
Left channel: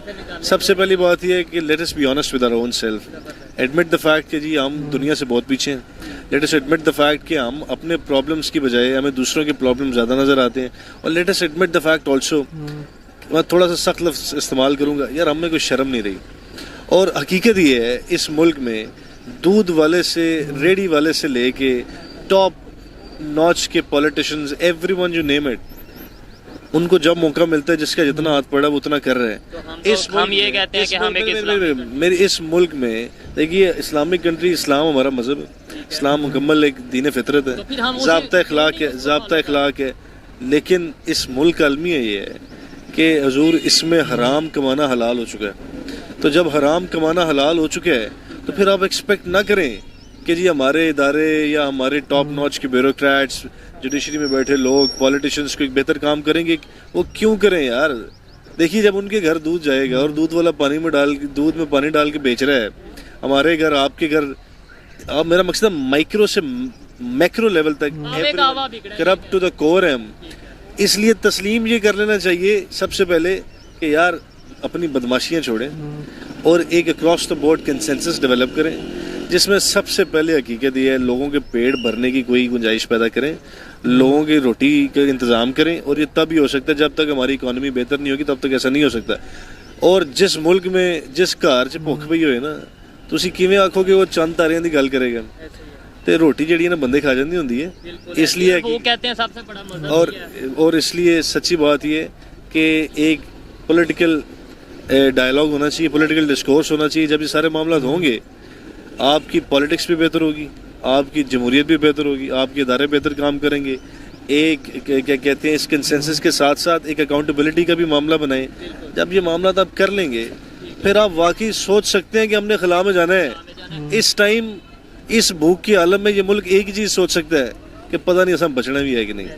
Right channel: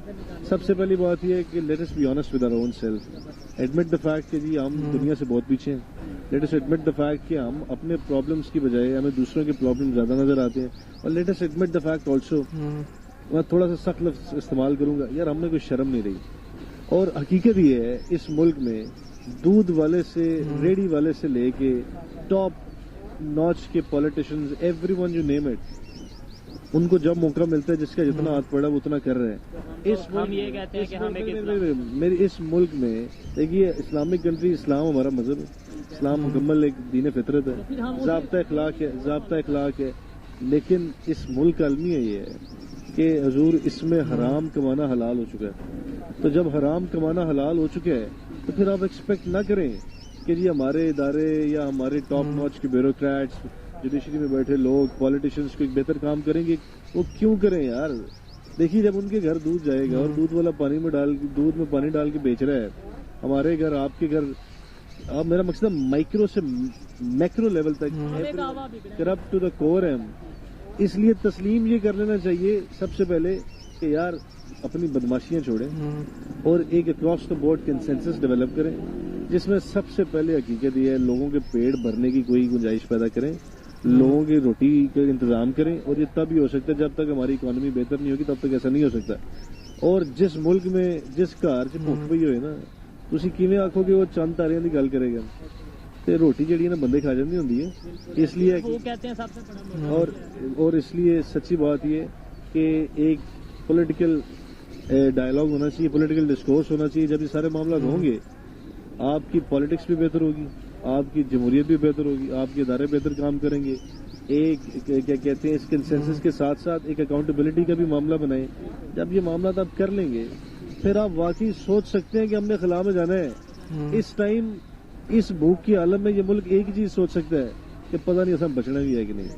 सबसे पहली बात यह है कि let us be honest with our own self, admit the fact कि जी हम दुनिया से बहुत पीछे हैं। Let us admit the fact कि हम अपने प्रॉब्लम्स की बजाय हमें दूसरों के प्रॉब्लम ज़्यादा नज़र आते हैं। और late us admit the fact also, मैं थोड़ा सा सख्त लफ्ज़ इस्तेमाल करूँगा, यार हमें कोई शर्म नहीं रही। और हकीकत ये है, इस मुल्क में दूध वाले से, रेडी वाले से लेके टॉप नॉच के politicians, everyone you name it, उनको जब मौका मिलता है, जिसका जितना हाथ पड़ा वो उतना कर रहे हैं। तो हम ये कहते हैं कि हम एक मेरे इस मुल्क में देखिए, इस्लामिक कंट्री, इस्लाम हमारा मजहब है, इस्लाम मुकम्मल एक दीन फितरत है, ज़ाब्ता अखलाक है। लेकिन इस मुल्क का अलमिया ये है कि हजूर इसमें हराम कमाना हलाल हो चुका है। तो जब हराम कमाना हलाल हो चुका है तो फिर आप एक्सपेक्ट ना करें कि जी हमारे इदारे या हमारे टॉप नॉच के ब्यूरोक्रेट्स, जुडिशरी में बैठे लोग, पॉलिटिशियंस को एक बेहतर काम करेंगे। वो क्यों करें यार? देखिए, जब उनके घर दूध जाएगा और दूध वाला दूध में पानी डाल के बेच रहा है, हमारे घर, आपके घर, अब मेरा मकसद माइक्रो से मैक्रो लेवल तक करप्ट टू द कोर है हम। इसलिए तस्लीम ये कर लेना चाहिए सबसे पहले कि यार अपनी बदमाशियां छोड़ें और एक across the board consensus develop करें, जिसमें सबसे पहले हकीकत ये है लोगों के पेट भरने की कोई गुंजाइश पैदा करें, लोगों की रोटी का इंतज़ाम करें। और ये तब ही हो सकता है, जब तक हमारी इकॉनमी बेहतर नहीं होगी तब तक ऐसा नहीं हो सकता। और जिस मुल्क में जिस घर च भुख पई होए ना, तुसी किवें आखोगे वो चंद तारियां दी गल करेगा, ते रोटी जिहड़ी है ना बंदे खा जाती होंदी है। इसलिए वो कहते हैं सबसे बड़ा मजहब और इसलिए सच्ची बात ये कि एक पॉलिटिकल डायलॉग होना चाहिए, पॉलिटिकल डिस्कोर्स होना चाहिए। जब ये सारे मामला होंगे, आपकी पॉलिटिक्स भी बेहतर होगी, आपकी जमहूरियत भी बेहतर होगी, आपके इदारे बेहतर काम करेंगे। एक क्या कहते हैं, इस कंसेंसस के साथ साथ एक अकाउंटेबिलिटी का भी मामला बनाएं। जब ये मामला आप कर लेंगे, फिर आप वाकई सोच सकते हैं कि हमने खला में जाना है। इस टाइम, इस भूख की आलम में ये मुल्क एक ही चीज़ सोच सकता है कि पता नहीं असम बचना भी है कि नहीं।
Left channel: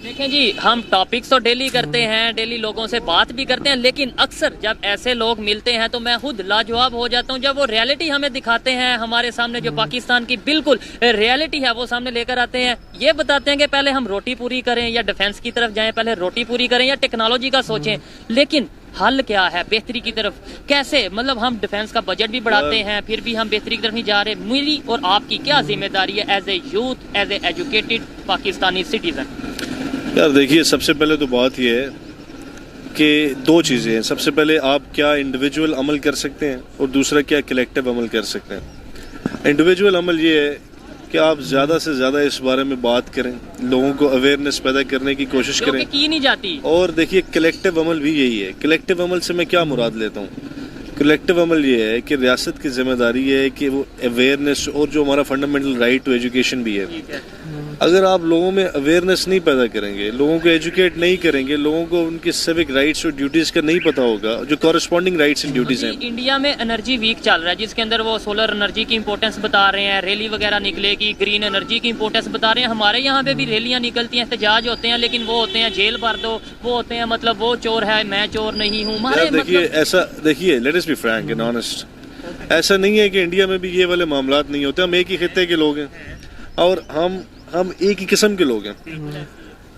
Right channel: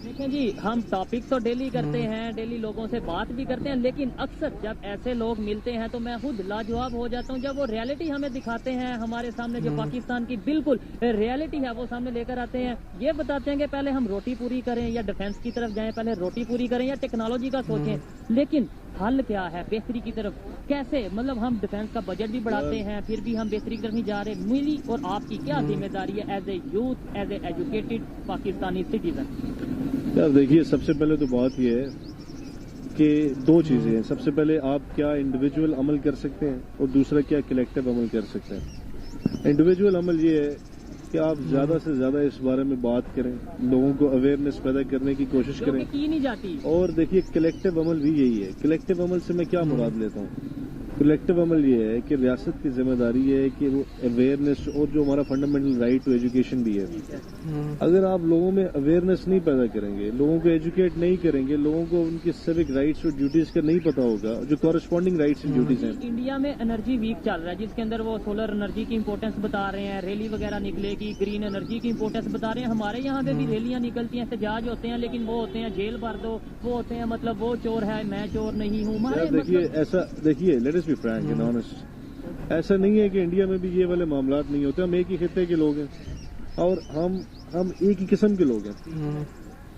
देखें जी, हम टॉपिक्स तो डेली करते हैं, डेली लोगों से बात भी करते हैं, लेकिन अक्सर जब ऐसे लोग मिलते हैं तो मैं खुद लाजवाब हो जाता हूं। जब वो रियलिटी हमें दिखाते हैं, हमारे सामने जो पाकिस्तान की बिल्कुल रियलिटी है वो सामने लेकर आते हैं। ये बताते हैं कि पहले हम रोटी पूरी करें या डिफेंस की तरफ जाएं, पहले रोटी पूरी करें या टेक्नोलॉजी का सोचें। लेकिन हल क्या है बेहतरी की तरफ? कैसे, मतलब हम डिफेंस का बजट भी बढ़ाते हैं, फिर भी हम बेहतरी की तरफ नहीं जा रहे। मेरी और आपकी क्या जिम्मेदारी है as a youth, as a educated Pakistani citizen? यार देखिए, सबसे पहले तो बात यह है कि दो चीज़ें हैं। सबसे पहले आप क्या इंडिविजुअल अमल कर सकते हैं और दूसरा क्या कलेक्टिव अमल कर सकते हैं। इंडिविजुअल अमल ये है कि आप ज़्यादा से ज़्यादा इस बारे में बात करें, लोगों को अवेयरनेस पैदा करने की कोशिश करें, की नहीं जाती। और देखिए, कलेक्टिव अमल भी यही है। कलेक्टिव अमल से मैं क्या मुराद लेता हूँ? कलेक्टिव अमल ये है कि रियासत की जिम्मेदारी है कि वो अवेयरनेस, और जो हमारा फंडामेंटल राइट टू एजुकेशन भी है, अगर आप लोगों में अवेयरनेस नहीं पैदा करेंगे, लोगों को एजुकेट नहीं करेंगे, लोगों को उनके सिविक राइट्स और ड्यूटीज़ का नहीं पता होगा, जो कॉरस्पॉन्डिंग राइट्स एंड ड्यूटीज़ हैं। इंडिया में एनर्जी वीक चल रहा है, जिसके अंदर वो सोलर एनर्जी की इंपॉर्टेंस बता रहे हैं, रैली वगैरह निकलेगी, ग्रीन एनर्जी की इंपॉर्टेंस बता रहे हैं। हमारे यहाँ पे भी रैलियाँ निकलती हैं, एहतजाज होते हैं, लेकिन वो होते हैं जेल भर दो, वो होते हैं मतलब वो चोर है, मैं चोर नहीं हूँ। देखिए, ऐसा देखिए, late us be frank and honest, ऐसा नहीं है कि इंडिया में भी ये वाले मामलात नहीं होते। हम एक ही खित्ते के लोग हैं और हम एक ही किस्म के लोग हैं।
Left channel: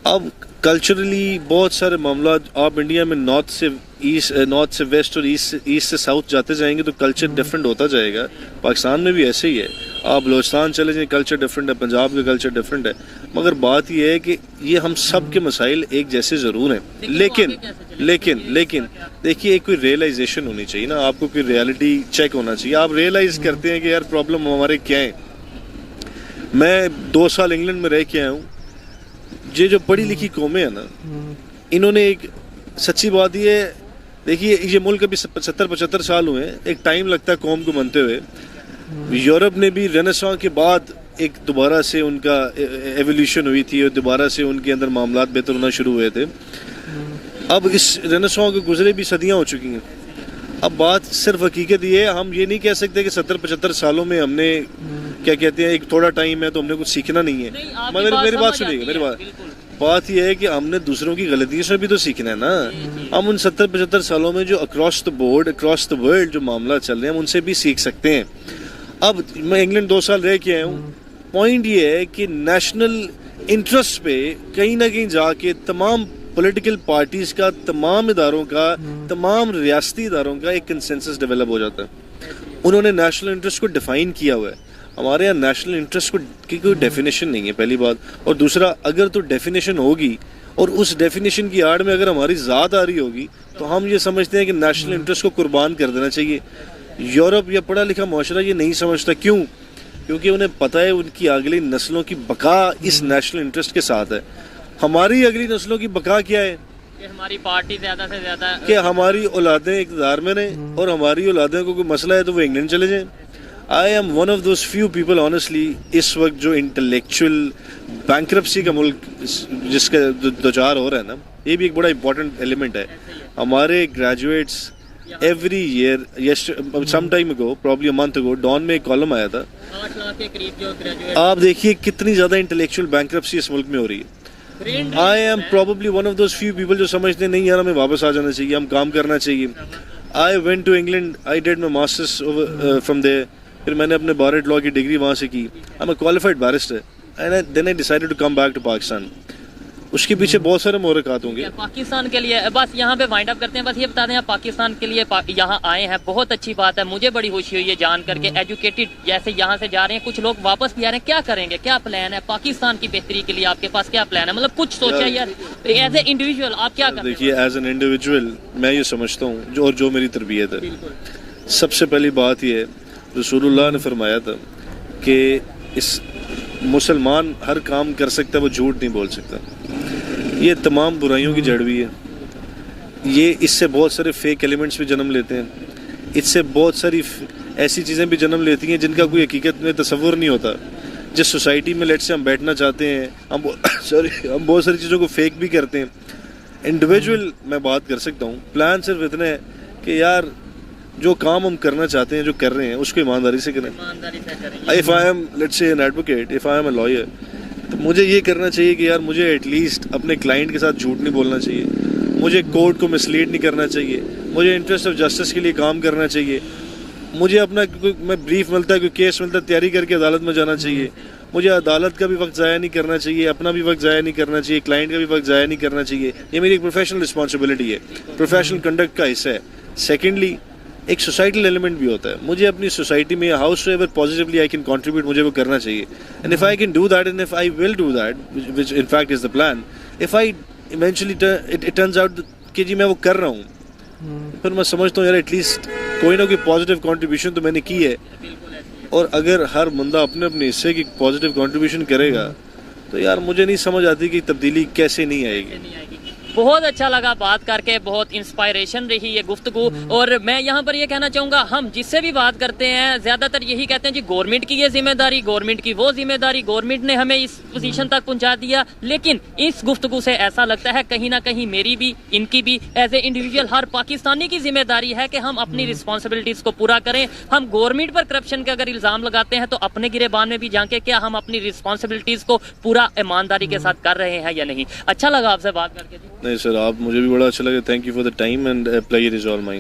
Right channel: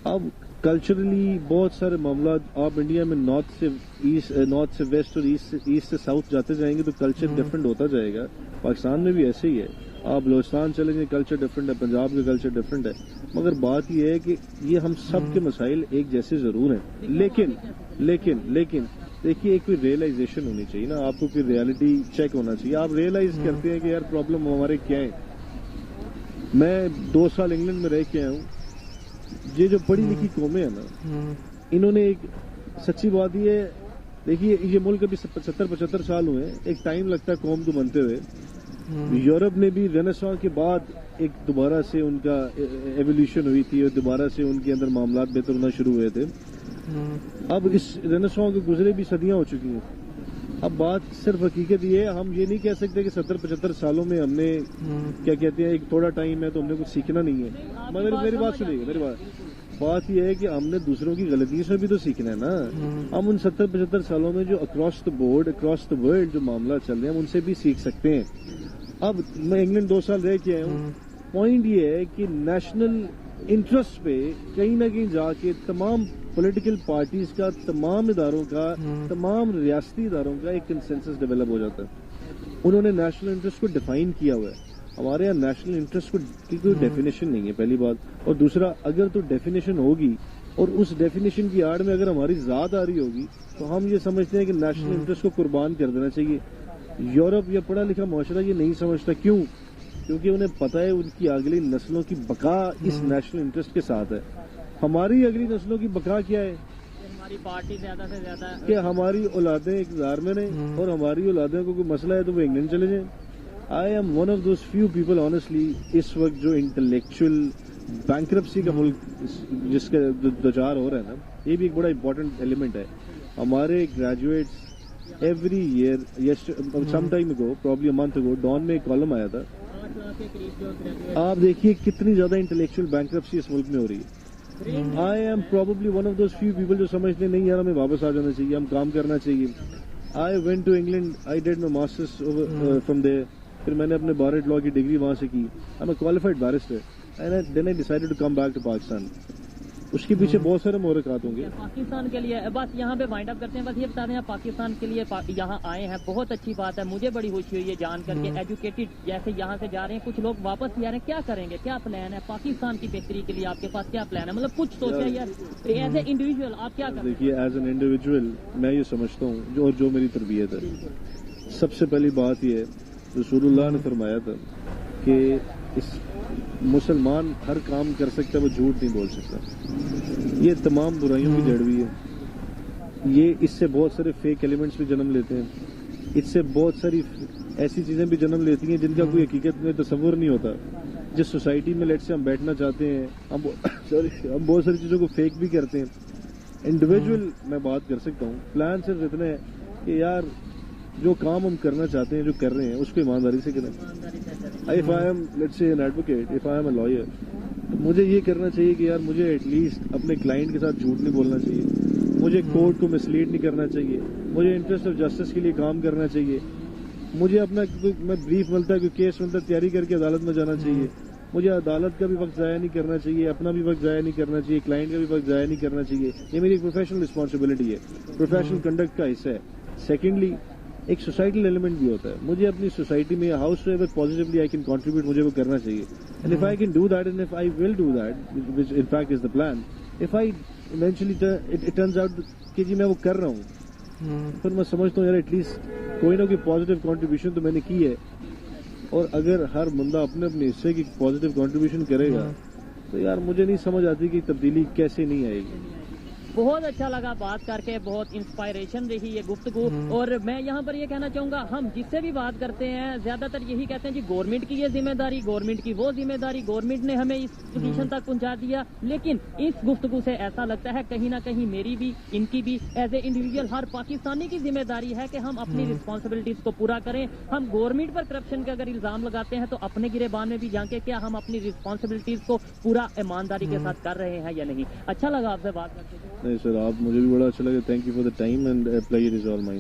अब कल्चरली बहुत सारे मामला, आप इंडिया में नॉर्थ से वेस्ट और ईस्ट से साउथ जाते जाएंगे तो कल्चर डिफरेंट होता जाएगा। पाकिस्तान में भी ऐसे ही है। आप बलोचिस्तान चले जाएं, कल्चर डिफरेंट है, पंजाब का कल्चर डिफरेंट है। मगर बात यह है कि ये हम सब के मसाइल एक जैसे ज़रूर हैं। लेकिन देखिए, एक कोई रियलाइजेशन होनी चाहिए ना, आपको कोई रियलिटी चेक होना चाहिए। आप रियलाइज करते हैं कि यार प्रॉब्लम हमारे क्या है। मैं 2 साल इंग्लैंड में रह के आया हूँ। ये जो पढ़ी लिखी कौमें हैं ना, इन्होंने एक सच्ची बात ये है, देखिए ये मुल्क अभी 70-75 साल हुए हैं, एक टाइम लगता है कौम को बनते हुए। यूरोप ने भी रेनेसां के बाद एक दोबारा से उनका एवोल्यूशन हुई थी और दोबारा से उनके अंदर मामलात बेहतर होना शुरू हुए थे। अब इस रेनेसां के गुजरे भी सदियां हो चुकी हैं। अब बात सिर्फ हकीकत ये है, हम ये नहीं कह सकते कि 70-75 सालों में हमने क्या कहते हैं, एक थोड़ा टाइम है तो हमने कुछ सीखना नहीं है। मगर मेरी बात सुनिएगा, मेरी बात यह है कि हमने दूसरों की गलतियों से भी तो सीखना है ना। हम उन 70-75 सालों में जो across the board, across the world जो मामला चल रहे हैं, हम उनसे भी सीख सकते हैं। अब मैं इंग्लैंड 2 साल रह के आया हूँ। पॉइंट ये है कि नेशनल इंटरेस्ट पे कहीं ना कहीं जाके तमाम पॉलिटिकल पार्टीज का, तमाम इदारों का, तमाम रियासती इदारों का एक कंसेंसस डेवलप हो जाता है। उन्होंने नेशनल इंटरेस्ट को डिफाइन किया हुआ है। हमारे यहाँ नेशनल इंटरेस्ट की कोई डेफिनेशन नहीं है, पहली बात। और दूसरा, अगर तो डेफिनेशन होगी और उस डेफिनेशन की आड़ में अगर हमारी ज़ात आ रही होगी तो हम ये समझते हैं कि नेशनल इंटरेस्ट को कुर्बान कर देना चाहिए। यूरोप या पढ़ा लिखा माशरा ये नहीं समझता। क्यों? क्योंकि उन्हें पता है उनकी अगली नस्लों की बका इस नेशनल इंटरेस्ट के साथ है। हमारी अगली नस्लों की बका क्या है? कि हमारी पार्टी ज्यादा से ज्यादा कि हमारी औलादें इक़्तिदार में रहें और हमारी औलादें को कोई मसला है तो वो इंग्लैंड चले जाएं। I am one of those few people honestly इस वक्त जो इंटेलेक्चुअल बैंक्रप्सी का मुल्क जिसका दो चार हो रहा है ना, ये भी एक बड़ा इंपॉर्टेंट एलिमेंट है। हमारे graduates every year some time ago probably a month ago Dawn में एक कॉलम आया था, 8 लाख के करीब जो ग्रेजुएट आप देखिए कितनी ज़्यादा इंटेलेक्चुअल बैंक्रप्सी इस मुल्क में हो रही है। I am probably one of those few people जो समझते नहीं यार हमें वापस आ जाना चाहिए, हम काम करना चाहिए। I went to England, I did my masters from there, फिर मैंने अपने बार लॉ की डिग्री वहाँ से की। I am a qualified barrister and then I decided to come back to Pakistan. उसके पीछे बहुत सारे मोहरकात होंगे। पाकिस्तान के लिए बस यहाँ पे वाइंड अप करते हैं। बस ये बता दें आप पाकिस्तान के लिए यहाँ आए हैं, बहुत अच्छी बात है, मुझे बड़ी खुशी हुई है जान करके। एजुकेटेड जैसे यहाँ से जा रहे हैं, कुछ लोग वापस भी आ रहे हैं, क्या करेंगे, क्या प्लान है पाकिस्तान की बेहतरी के लिए? आपके पास क्या प्लान है? मतलब कुछ सोचा यार एज ए इंडिविजुअल आप क्या करें? देखिए एज एन इंडिविजुअल मैं ये समझता हूँ जो मेरी तरबियत है, सबसे पहली बात ये है रसूलुल्लाह ने फरमाया था कि इस मुसलमान हर काम कर सकता है, वो झूठ नहीं बोल सकता। ये तमाम बुराइयों की जड़ भी है। ये इससे बहुत सारे फेक एलिमेंट्स भी जन्म लेते हैं, इससे बहुत सारी ऐसी चीज़ें भी जन्म लेती हैं जिनका कोई हकीकत में तसव्वुर नहीं होता। जिस सोसाइटी में लेट से हम बैठना चाहते हैं, हम बहुत सारी चीज़ों को फेक भी करते हैं। इंडिविजुअल मैं बात कर सकता हूँ, प्लान सिर्फ इतना है कि यार जो काम हम करना चाहते हैं, जो कर रहे हैं, उसको ईमानदारी से करें। If I am let's say an advocate, if I am a lawyer, तो मुझे ये करना चाहिए कि यार मुझे एटलीस्ट अपने क्लाइंट के साथ झूठ नहीं बोलना चाहिए, मुझे कोर्ट को मिसलीड नहीं करना चाहिए, मुझे इंटरेस्ट ऑफ जस्टिस के लिए काम करना चाहिए, मुझे अपना मैं ब्रीफ मिलता है, कोई केस मिलता है, तैयारी करके अदालत में जाना चाहिए, मुझे अदालत का भी वक्त ज़ाया नहीं करना चाहिए, अपना भी वक्त ज़ाया नहीं करना चाहिए, क्लाइंट का भी वक्त ज़ाया नहीं करना चाहिए। ये मेरी एक प्रोफेशनल रिस्पॉन्सिबिलिटी है, प्रोफेशनल कंडक्ट का हिस्सा है। सेकेंडली एक सोसाइटल एलिमेंट भी होता है, मुझे अपनी सोसाइटी में house ever positively I can contribute, मुझे वो करना चाहिए। And if I can do that and if I will do that which in fact is the plan, if I eventually it turns out कि जी मैं वो कर रहा हूँ, फिर मैं समझता हूँ यार एटलीस्ट कोई ना कोई पॉजिटिव कंट्रीब्यूशन तो मैंने की है। और अगर हर बंदा अपने अपने हिस्से की पॉजिटिव कंट्रीब्यूशन करेगा तो यार मुझे नहीं समझ आती कि तब्दीली कैसे नहीं आएगी। बहुत अच्छा लगा बात करके, बहुत इंस्पायरेशन रही ये गुफ्तगू। और मैं यहाँ पर ये कहना चाहूँगा, हम जिससे भी बात करते हैं ज़्यादातर यही कहते हैं जी गवर्नमेंट की ये जिम्मेदारी, गवर्नमेंट की वो जिम्मेदारी, गवर्नमेंट ने हमें इस पोजीशन तक पहुँचा दिया। लेकिन इस गुफ्तगू से ऐसा लगता है कहीं ना कहीं मेरी भी, इनकी भी, एज ए इंडिविजुअल हर पाकिस्तानी की जिम्मेदारी है कि हम अपनी रिस्पॉन्सिबिलिटीज़ को पूरा करें। हम गवर्नमेंट पर करप्शन का अगर इल्ज़ाम लगाते हैं तो अपने गिरेबान में भी जाके क्या हम अपनी रिस्पॉन्सिबिलिटीज़ को पूरा ईमानदारी के साथ कर रहे हैं या नहीं। अच्छा लगा आपसे बात करके। नहीं सर, आप मुझे भी बड़ा अच्छा लगा। Thank you for the time and pleasure is all mine.